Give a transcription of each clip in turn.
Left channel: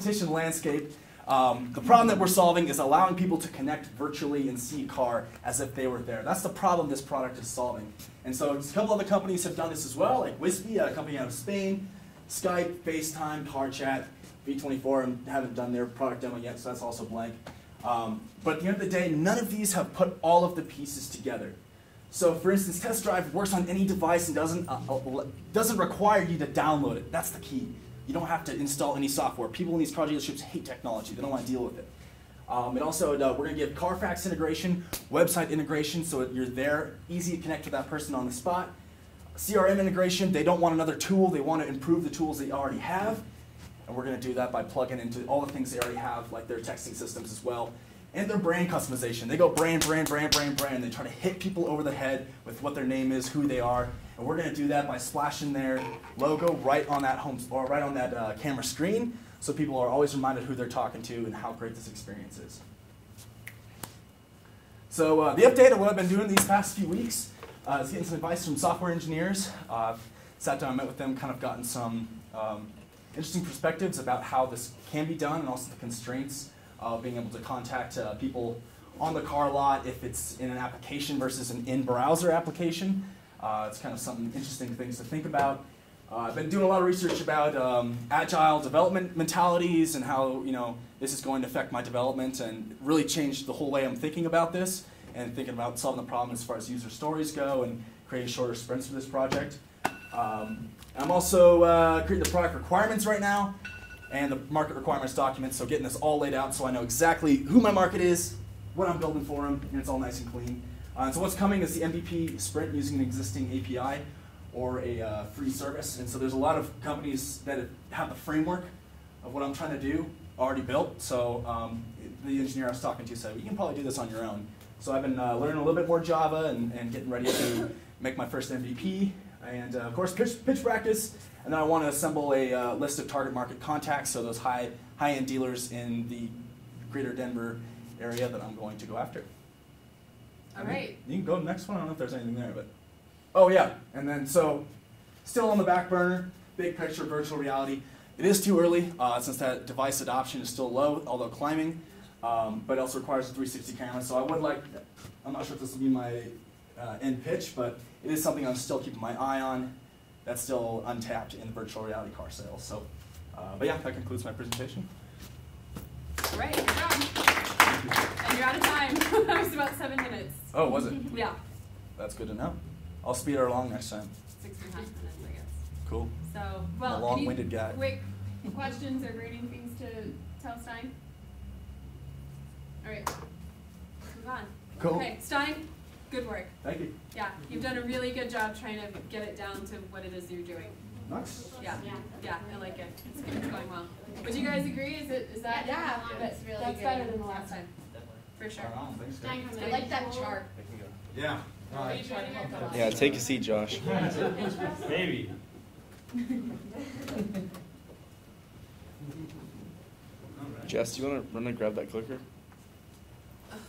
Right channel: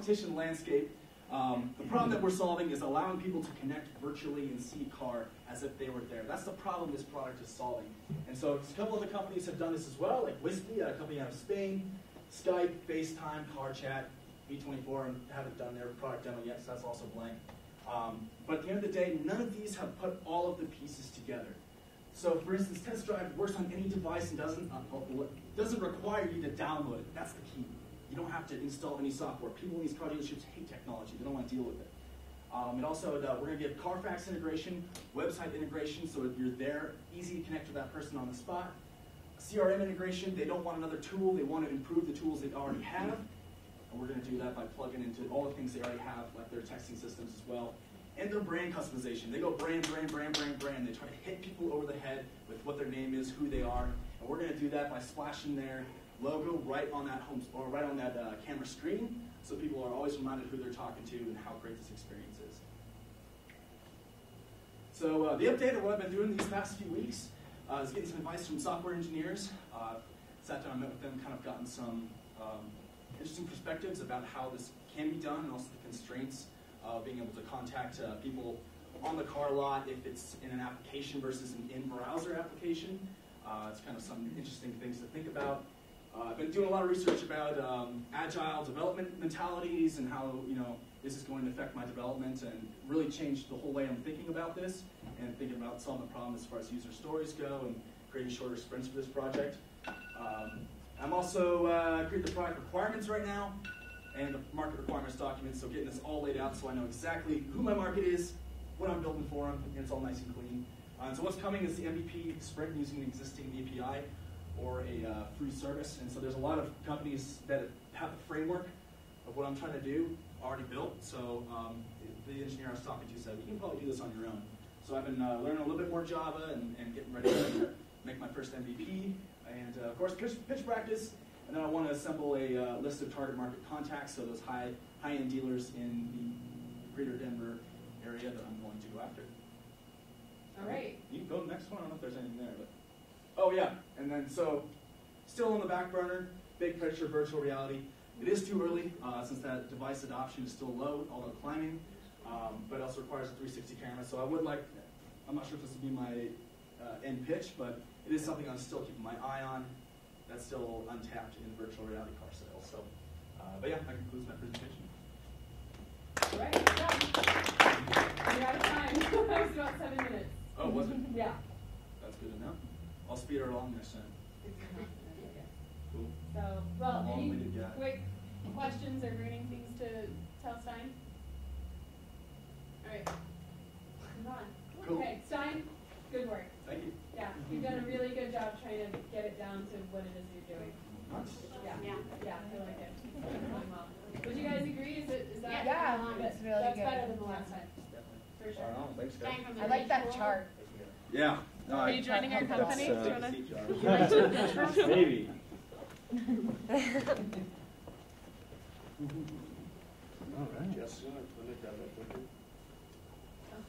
competition landscape. The problem that we're solving is allowing people to connect virtually and see a car as if they were there. That's the problem this product is solving. And so a couple other companies have done this as well, like Wispy, a company out of Spain, Skype, FaceTime, Car Chat, V24, and haven't done their product demo yet, so that's also blank. But at the end of the day, none of these have put all of the pieces together. So for instance, Test Drive works on any device and doesn't require you to download it. That's the key. You don't have to install any software. People in these car dealerships hate technology. They don't want to deal with it. And also, we're going to give Carfax integration, website integration, so you're there, easy to connect with that person on the spot. CRM integration, they don't want another tool. They want to improve the tools they already have. And we're going to do that by plugging into all the things they already have, like their texting systems as well. And their brand customization. They go brand, brand, brand, brand, brand. They try to hit people over the head with what their name is, who they are. And we're going to do that by splashing their logo right on that camera screen, so people are always reminded who they're talking to and how great this experience is. So the update of what I've been doing these past few weeks is getting some advice from software engineers. I've sat down and met with them, kind of gotten some interesting perspectives about how this can be done and also the constraints of being able to contact people on the car lot if it's in an application versus an in-browser application. It's kind of some interesting things to think about. I've been doing a lot of research about agile development mentalities and how this is going to affect my development and really change the whole way I'm thinking about this and thinking about solving the problem as far as user stories go and creating shorter sprints for this project. I'm also creating the product requirements right now and the market requirements document, so getting this all laid out so I know exactly who my market is, what I'm building for them, and it's all nice and clean. So what's coming is the MVP sprint using an existing API or a free service. And so there's a lot of companies that have the framework of what I'm trying to do already built. So the engineer I was talking to said, you can probably do this on your own. So I've been learning a little bit more Java and getting ready to make my first MVP. And of course, pitch practice. And then I want to assemble a list of target market contacts, so those high-end dealers in the greater Denver area that I'm going to go after. All right. You can go to the next one. I don't know if there's anything there, but oh yeah. And then so, still on the back burner, big picture virtual reality. It is too early since that device adoption is still low, although climbing. But it also requires a 360 camera. So I would like. I'm not sure if this will be my end pitch, but it is something I'm still keeping my eye on. That's still untapped in virtual reality car sales. So, but yeah, that concludes my presentation. All right, good job. And you're out of time. It was about 7 minutes. Oh, was it? Yeah. That's good to know. I'll speed her along next time. 6.5 minutes, I guess. Cool. So, well, I'm a long-winded guy. Quick questions or burning things to tell Stein? All right. Move on. Cool. Okay, Stein, good work. Thank you. Yeah, you've done a really good job trying to get it down to what it is you're doing. Nice. Yeah, I like it. It's going well. Would you guys agree? Is that? Yeah, that's really That's good. better than the last time. For sure. Right on, thanks, guys. I like that chart. Yeah. No, Are you joining our company? Yeah, take a seat, Josh. Maybe. Jess, do you want to run and grab that clicker? Okay.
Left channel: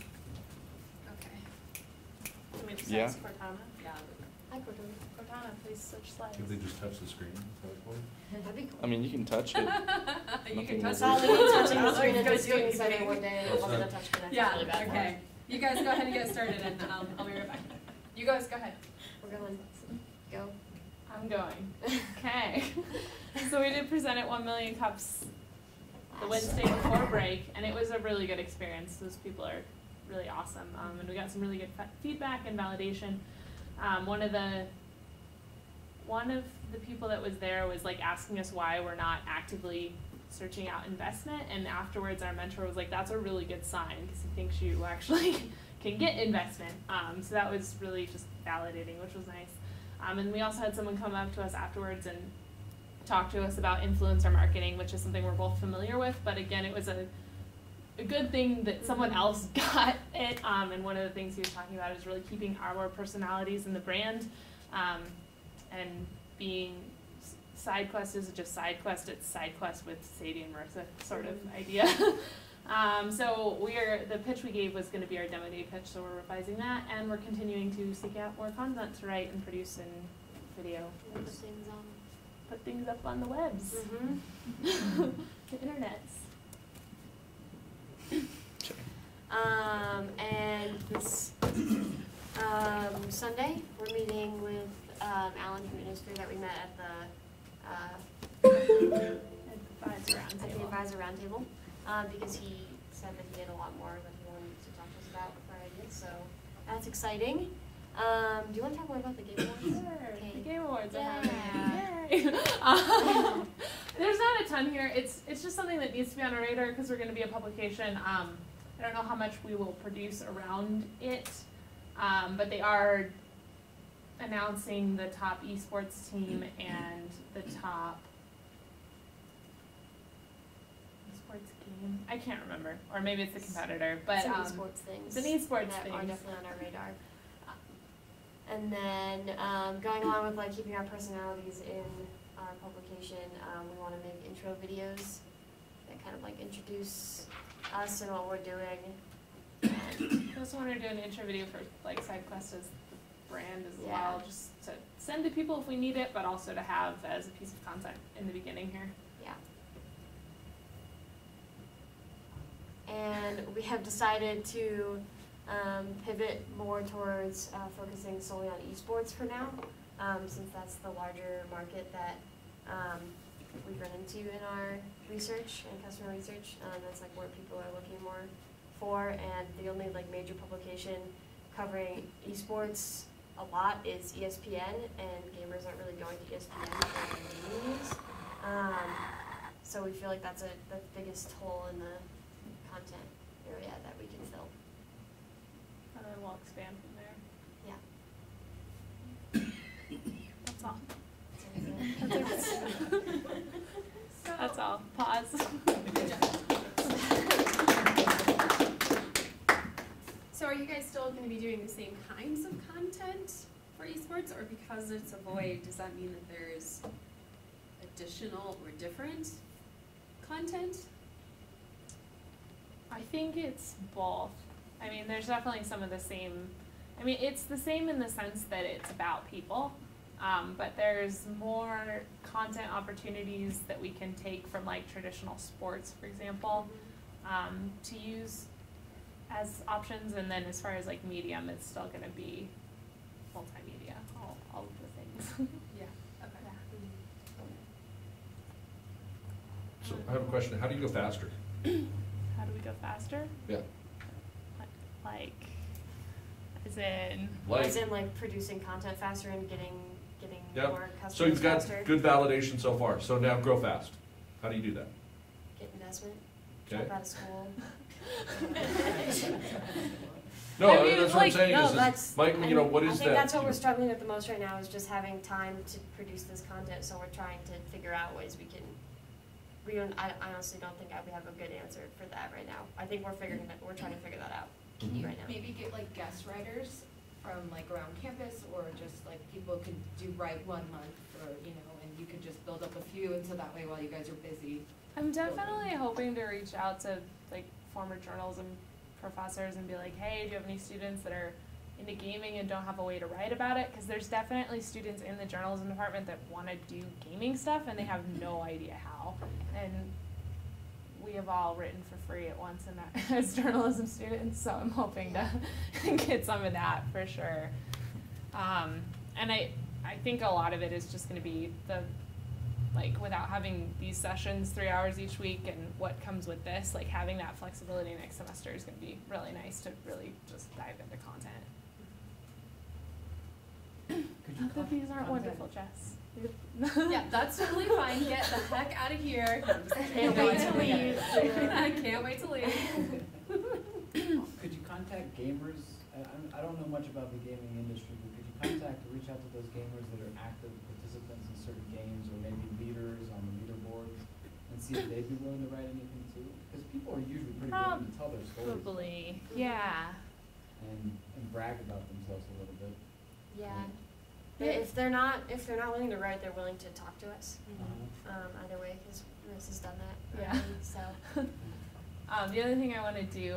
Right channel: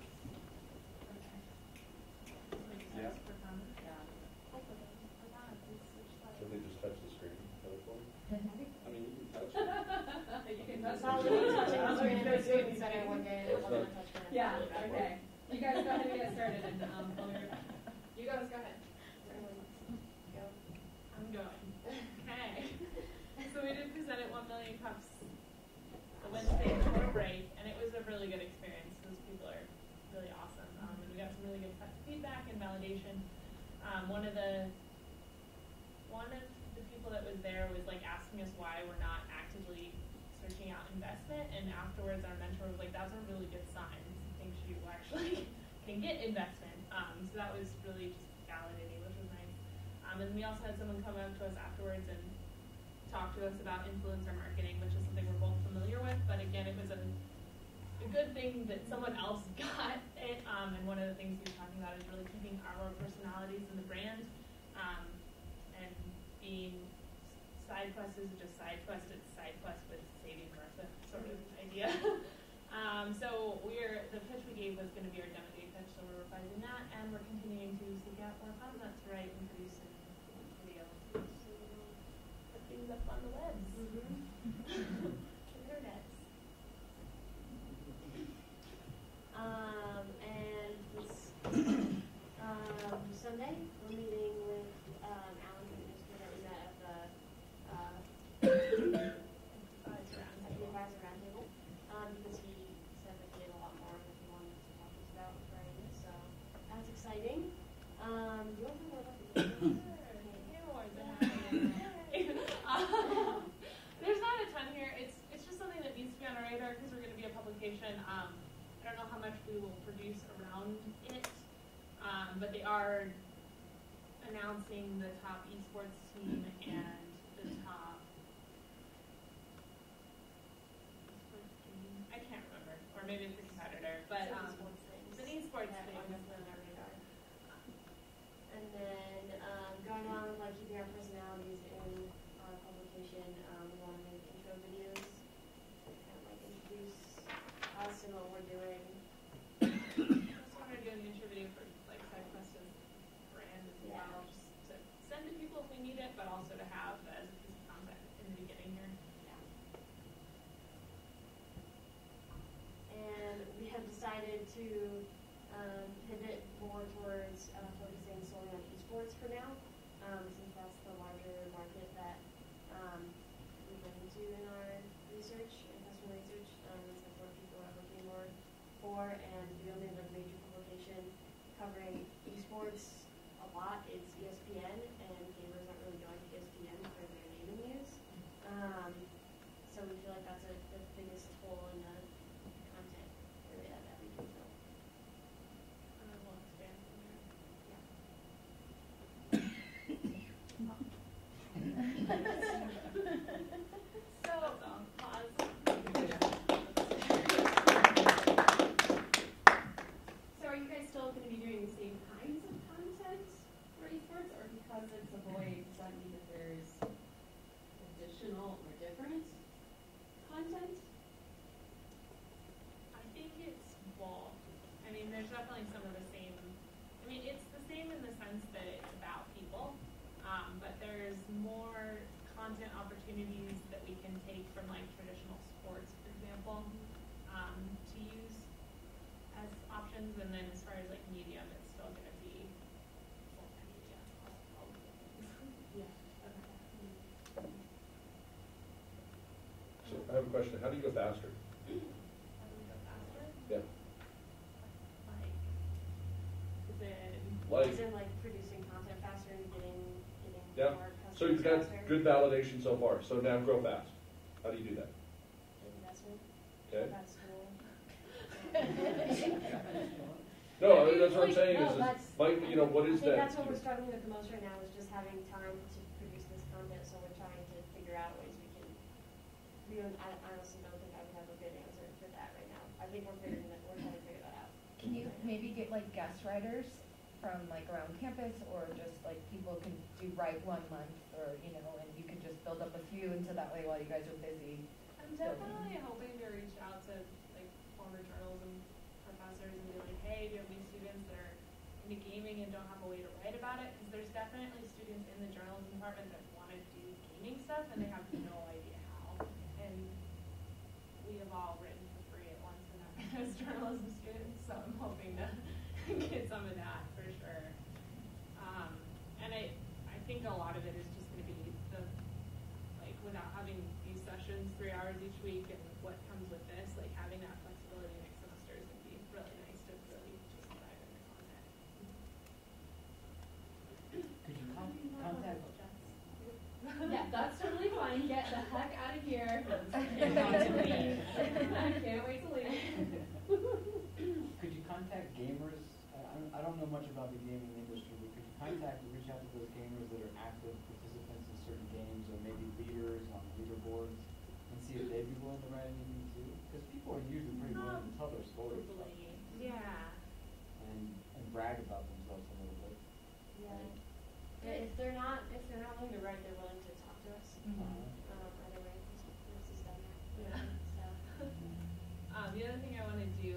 Can we just Yeah. ask Cortana? Yeah. Hi, Cortana, please switch slides. If they just touch the screen. That'd be cool. I mean, you can touch it. You can touch All it. we need to touching the All screen we if gotta it's do doing is something bang. one day and it wasn't a touch connect. Yeah, Really bad. okay. You guys go ahead and get started and I'll be right back. You guys go ahead. We're going. Go. I'm going. Okay. So we did present at 1 Million Cups the Wednesday before break, and it was a really good experience. Those people are really awesome, and we got some really good feedback and validation. One of the people that was there was like asking us why we're not actively searching out investment, and afterwards our mentor was like, "That's a really good sign because he thinks you actually can get investment." So that was really just validating, which was nice. And we also had someone come up to us afterwards and talk to us about influencer marketing, which is something we're both familiar with, but again, it was a good thing that someone else got it, and one of the things he was talking about is really keeping our personalities in the brand, and being SideQuest isn't just SideQuest, it's SideQuest with Sadie and Marissa sort of idea. So the pitch we gave was going to be our demo day pitch, so we're revising that, and we're continuing to seek out more content to write and produce and video. Put things up on the webs. The internets. roundtable, because he said that he had a lot more that he wanted to talk to us about for ideas, so that's exciting. Do you want to talk more about the Game Awards? Sure. Okay. The Game Awards are Yeah. happening. Yay. There's not a ton here. It's just something that needs to be on our radar because we're going to be a publication. I don't know how much we will produce around it, but they are announcing the top esports team and the top esports game. I can't remember, or maybe it's the competitor. But some esports things. it's an esports that thing. are definitely on our radar. And then going along with like keeping our personalities in our publication, we want to make intro videos that kind of like introduce us and what we're doing. I also want to do an intro video for like SideQuest as the brand as Yeah. well, just to send to people if we need it, but also to have as a piece of content in the beginning here. Yeah. And we have decided to pivot more towards focusing solely on esports for now, since that's the larger market that we've run into in our research and customer research. That's like where people are looking more for, and the only like major publication covering esports a lot is ESPN, and gamers aren't really going to ESPN for gaming news. So we feel like that's the biggest hole in the content area that we can fill. And then we'll expand from there. Yeah. That's all. That's all. Pause. So are you guys still going to be doing the same kinds of content for esports, or because it's a void, does that mean that there's additional or different content? I think it's both. I mean, there's definitely some of the same. I mean, it's the same in the sense that it's about people, but there's more content opportunities that we can take from like traditional sports, for example, to use as options. And then as far as like medium, it's still going to be multimedia, all of the things. Yeah. Okay. So I have a question. How do you go faster? How do we go faster? Yeah. Like, as in, As in like producing content faster and getting Yep. more customers So you've got faster. good validation so far. So now grow fast. How do you do that? Get investment. Okay. Drop out of school. No, I mean, that's what I'm like, saying No, is, that's. Mike, you know, what I is think that? that's what we're struggling with the most right now, is just having time to produce this content, so we're trying to figure out ways we can, I honestly don't think we have a good answer for that right now. I think we're trying to figure that out Can you right now. maybe get like guest writers from like around campus, or just like people could write 1 month, or, you know, and you could just build up a few, and so that way while you guys are busy. I'm definitely hoping to reach out to like former journalism professors and be like, hey, do you have any students that are into gaming and don't have a way to write about it? Because there's definitely students in the journalism department that want to do gaming stuff and they have no idea how. And we have all written for free at once in that, as journalism students, so I'm hoping to get some of that for sure. And I think a lot of it is just going to be like without having these sessions 3 hours each week and what comes with this, like having that flexibility next semester is going to be really nice to really just dive into content. Cookies aren't wonderful, Jess. Yeah, that's totally fine. Get the heck out of here. Can't wait to leave. I can't wait to leave. Could you contact gamers? I don't know much about the gaming industry, but could you reach out to those gamers that are active participants in certain games, or maybe leaders on the leaderboards, and see if they'd be willing to write anything too? Because people are usually pretty willing to tell their stories. Probably, yeah. And brag about themselves a little bit. Yeah. If they're not willing to write, they're willing to talk to us. Either way, because Miss has done that. Yeah. already, So. The other thing I want to do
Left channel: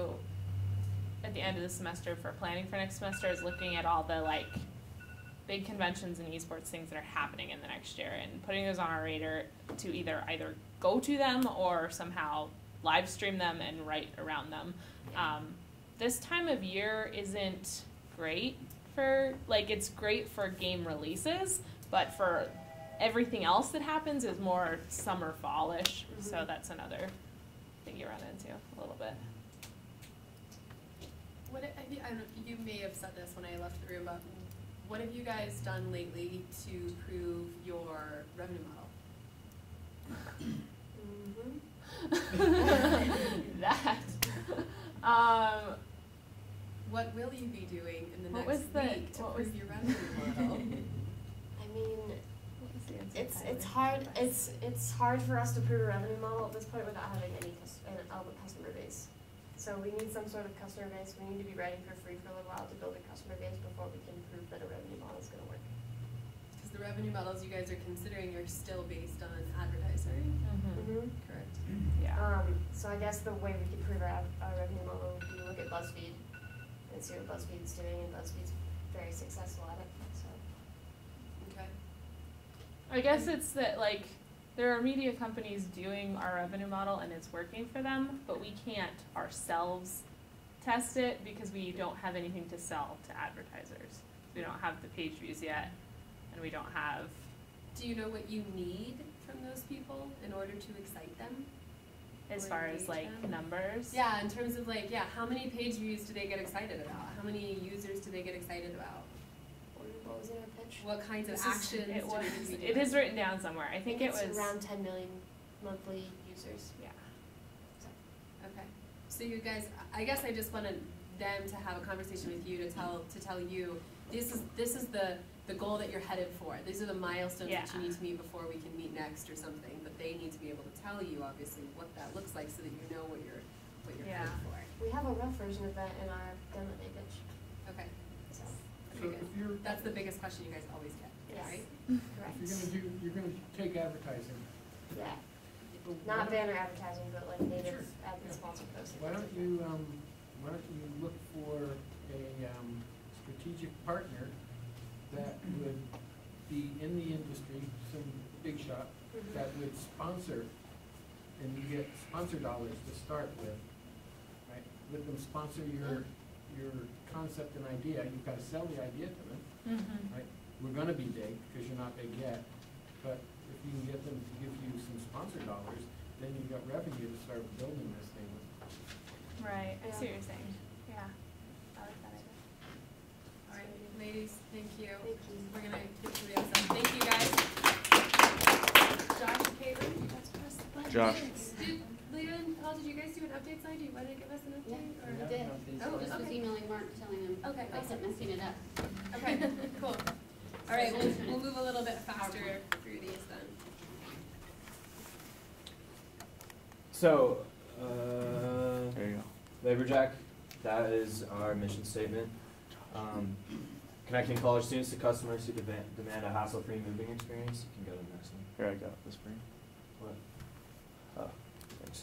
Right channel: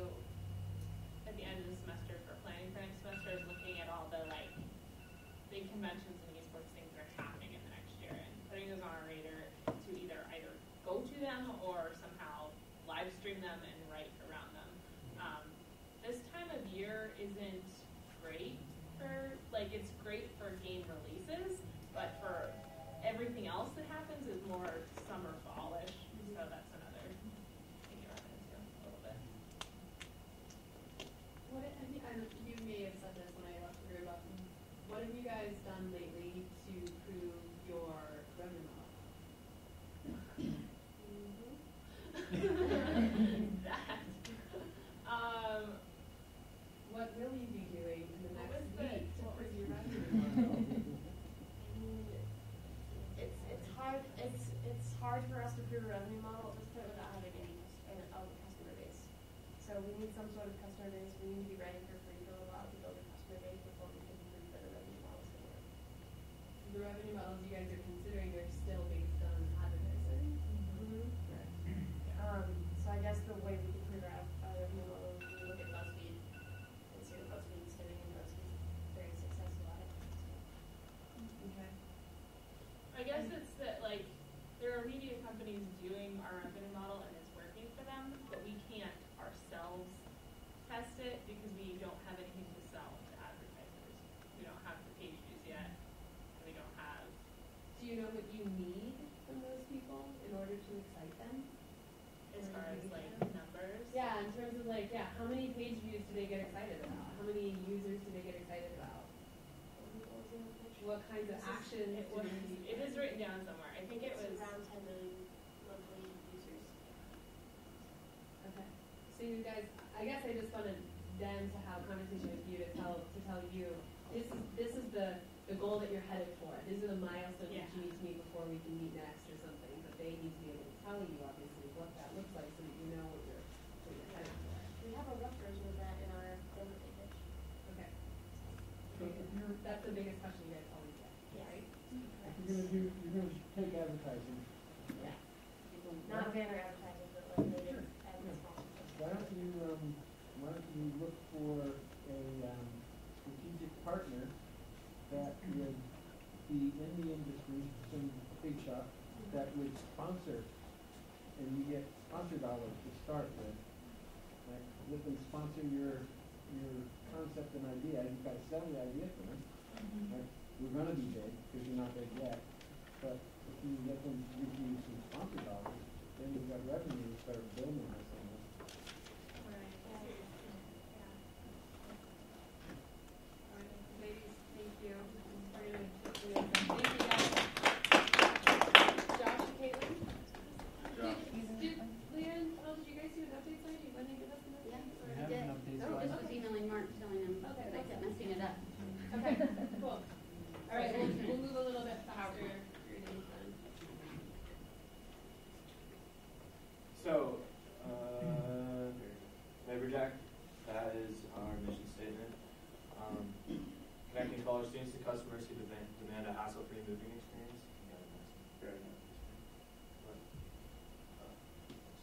at the end of the semester for planning for next semester is looking at all the like big conventions and esports things that are happening in the next year and putting those on our radar to either go to them or somehow live stream them and write around them. This time of year isn't great for, like, it's great for game releases, but for everything else that happens is more summer fallish. So that's another you run into a little bit. I don't, you may have said this when I left the room, but what have you guys done lately to prove your revenue model? That. What will you be doing in the What next was the- week to what prove was- your revenue model? I mean, it's hard for us to prove a revenue model at this point without having any customer base. So we need some sort of customer base. We need to be ready for free for a little while to build a customer base before we can prove that a revenue model is going to work. Because the revenue models you guys are considering are still based on advertising, correct? Yeah. So I guess the way we could prove our revenue model would be look at BuzzFeed and see what BuzzFeed's doing, and BuzzFeed's very successful at it. So Okay. I guess it's that, like, there are media companies doing our revenue model and it's working for them, but we can't ourselves test it because we don't have anything to sell to advertisers. We don't have the page views yet, and we don't have. Do you know what you need from those people in order to excite them? As Or far as engage like them? numbers. Yeah, in terms of like, yeah, how many page views do they get excited about? How many users do they get excited about? what was in our pitch? What kinds of actions It do was. they need to be It doing? is written down somewhere. I think it It's was around 10 million monthly users. Yeah. Okay, so you guys, I guess I just wanted them to have a conversation with you to tell you, this is the goal that you're headed for. These are the milestones that you Yeah. need to meet before we can meet next or something, but they need to be able to tell you, obviously, what that looks like so that you know what you're Yeah. headed for. We have a rough version of that in our demo day pitch. Okay, So, So okay, if good. you're, That's the biggest question you guys always get, Yes. right? correct. you're gonna take advertising, Yeah. Not banner advertising, but like native Sure. ad sponsored posts. why don't you look for a, strategic partner that would be in the industry, some big shot, that would sponsor, and you get sponsor dollars to start with, right? Let them sponsor your concept and idea, you've gotta sell the idea to them, right? We're gonna be big, because you're not big yet, but if you can get them to give you some sponsor dollars, then you've got revenue to start building this thing with. Right. I Yeah. see what you're saying. Yeah. I like that idea. All right, ladies, thank you. Thank you. We're gonna quickly accept. Thank you, guys. Josh and Caitlin, you guys press the button. Josh. Did Leon, Paul, did you guys do an update slide? Do you wanna give us an update? Yeah, or- we did. Oh, Just was okay. emailing Mark, telling him Okay, if I kept awesome. messing it up. Okay, cool. All right, we'll move a little bit faster through these then. So, There you go. Laborjack, that is our mission statement. Connecting college students to customers who demand a hassle-free moving experience. You can go to the next one. Here, I got this for you. What? Oh, thanks.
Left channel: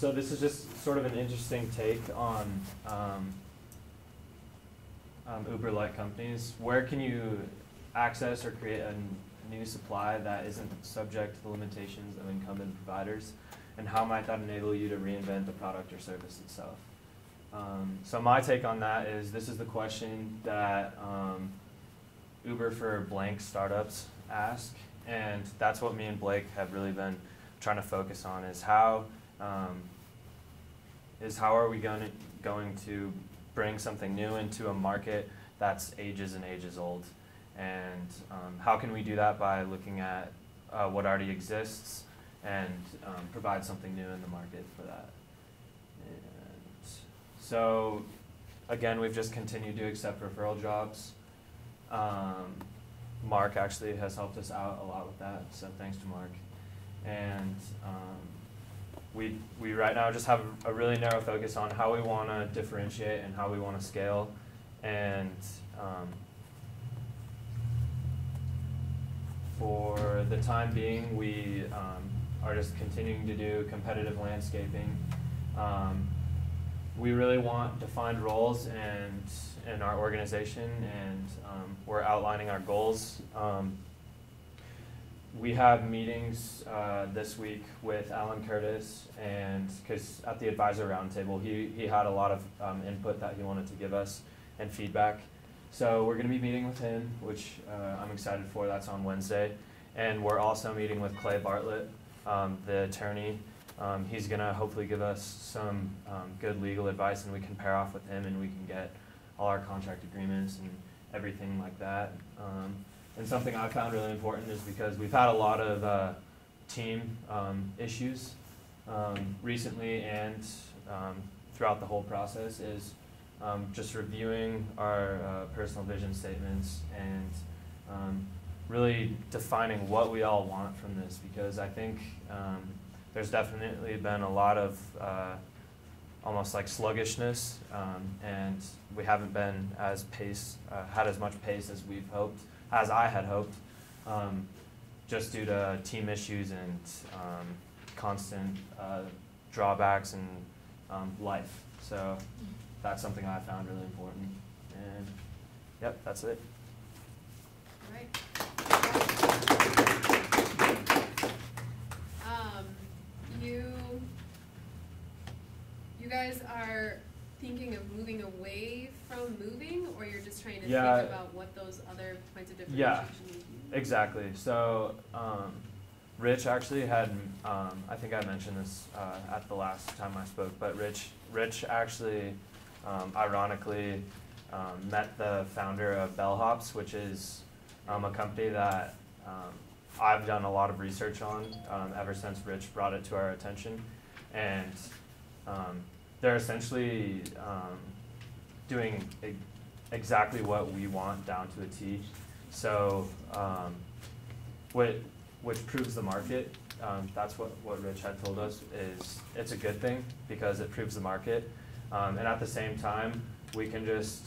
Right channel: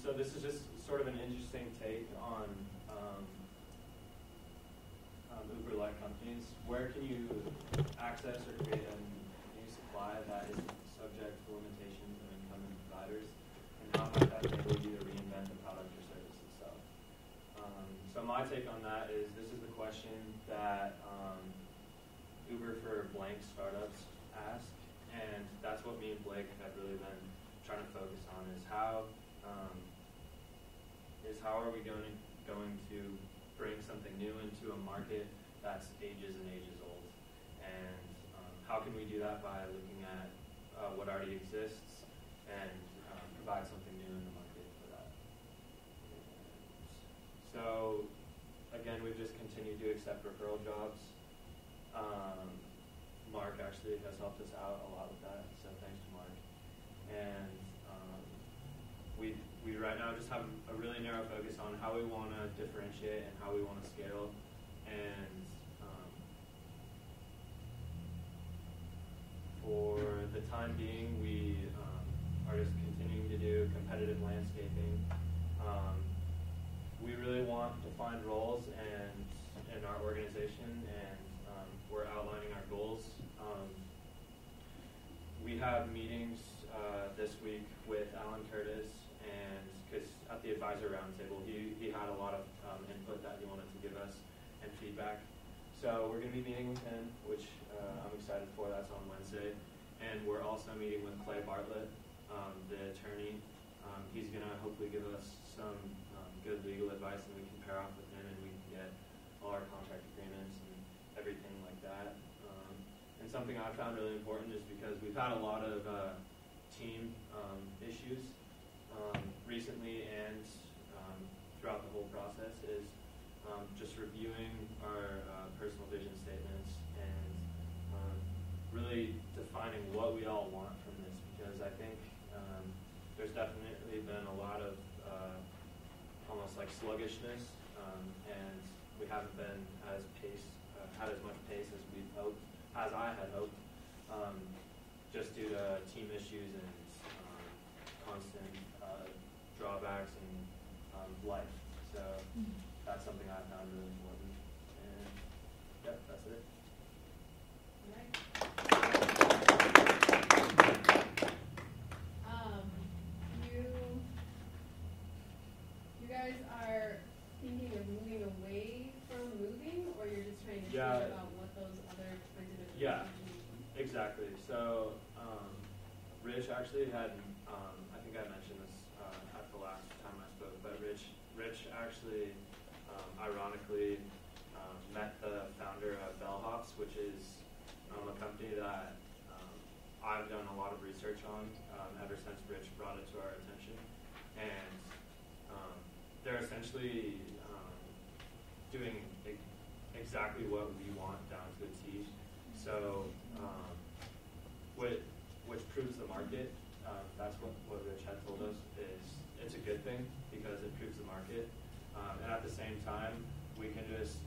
So this is just sort of an interesting take on Uber-like companies. Where can you access or create a new supply that isn't subject to the limitations of incumbent providers? And how might that enable you to reinvent the product or service itself? So my take on that is this is the question that Uber for blank startups ask, and that's what me and Blake have really been trying to focus on is how are we going to bring something new into a market that's ages and ages old, and how can we do that by looking at what already exists and provide something new in the market for that. And so again, we've just continued to accept referral jobs. Mark actually has helped us out a lot with that, so thanks to Mark. And we right now just have a really narrow focus on how we want to differentiate and how we want to scale. And for the time being, we are just continuing to do competitive landscaping. We really want defined roles in our organization, and we're outlining our goals. We have meetings this week with Alan Curtis, and because at the advisor roundtable, he had a lot of input that he wanted to give us and feedback. So we're going to be meeting with him, which I'm excited for. That's on Wednesday. And we're also meeting with Clay Bartlett, the attorney. He's gonna hopefully give us some good legal advice, and we can pair off with him, and we can get all our contract agreements and everything like that. And something I found really important is because we've had a lot of team issues recently and throughout the whole process, is just reviewing our personal vision statements and really defining what we all want from this, because I think there's definitely been a lot of almost like sluggishness, and we haven't been as had as much pace as we've hoped, as I had hoped, just due to team issues and constant drawbacks and life. So that's something I found really important. And yep, that's it. All right. You guys are thinking of moving away from moving, or you're just trying to think about what those other kinds of differentiation mean? Exactly. So Rich actually had, I think I mentioned this at the last time I spoke, but Rich actually, ironically, met the founder of Bellhops, which is a company that I've done a lot of research on ever since Rich brought it to our attention. And they're essentially doing exactly what we want down to a T. So which proves the market. That's what Rich had told us, is it's a good thing because it proves the market. And at the same time, we can just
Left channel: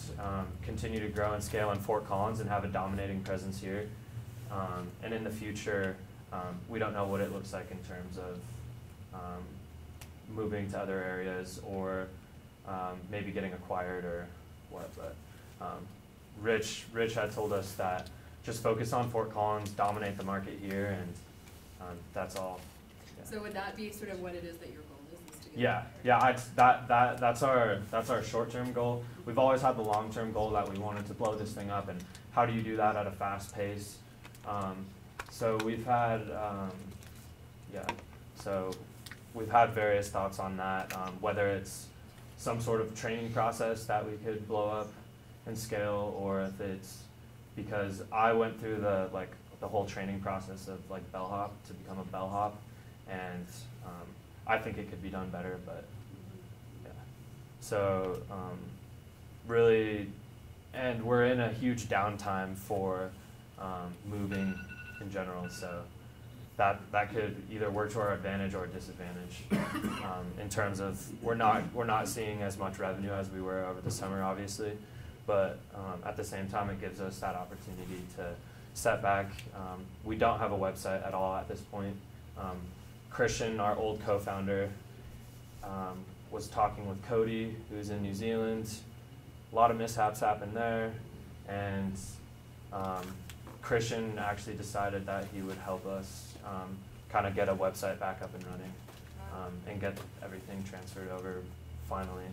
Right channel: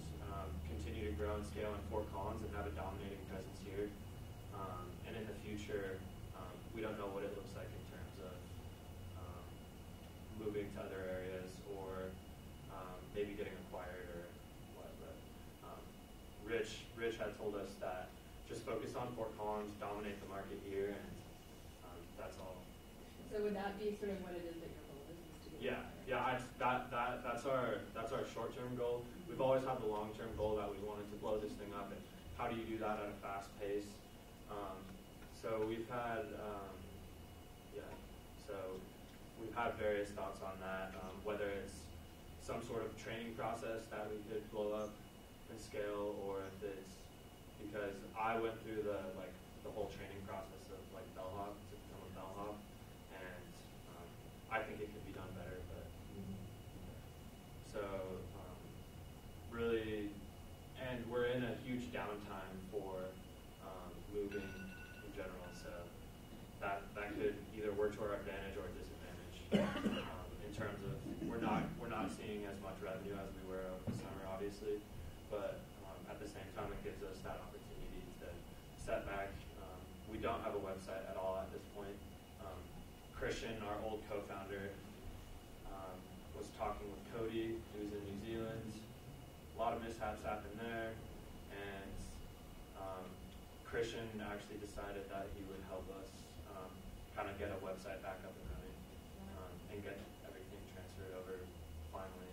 continue to grow and scale in Fort Collins and have a dominating presence here. And in the future, we don't know what it looks like in terms of moving to other areas or maybe getting acquired or what. But Rich had told us that just focus on Fort Collins, dominate the market here, and that's all. Yeah. So would that be sort of what it is that your goal is to do? Yeah. That's our short-term goal. We've always had the long-term goal that we wanted to blow this thing up, and how do you do that at a fast pace? So we've had we've had various thoughts on that, whether it's some sort of training process that we could blow up and scale, or if it's because I went through the whole training process of like bellhop to become a bellhop, and I think it could be done better, but yeah. So really, and we're in a huge downtime for moving in general, so that could either work to our advantage or disadvantage in terms of we're not seeing as much revenue as we were over the summer, obviously, but at the same time it gives us that opportunity to step back. We don't have a website at all at this point. Christian, our old co-founder, was talking with Cody, who's in New Zealand. A lot of mishaps happened there, and Christian actually decided that he would help us kind of get a website back up and running, and get everything transferred over finally.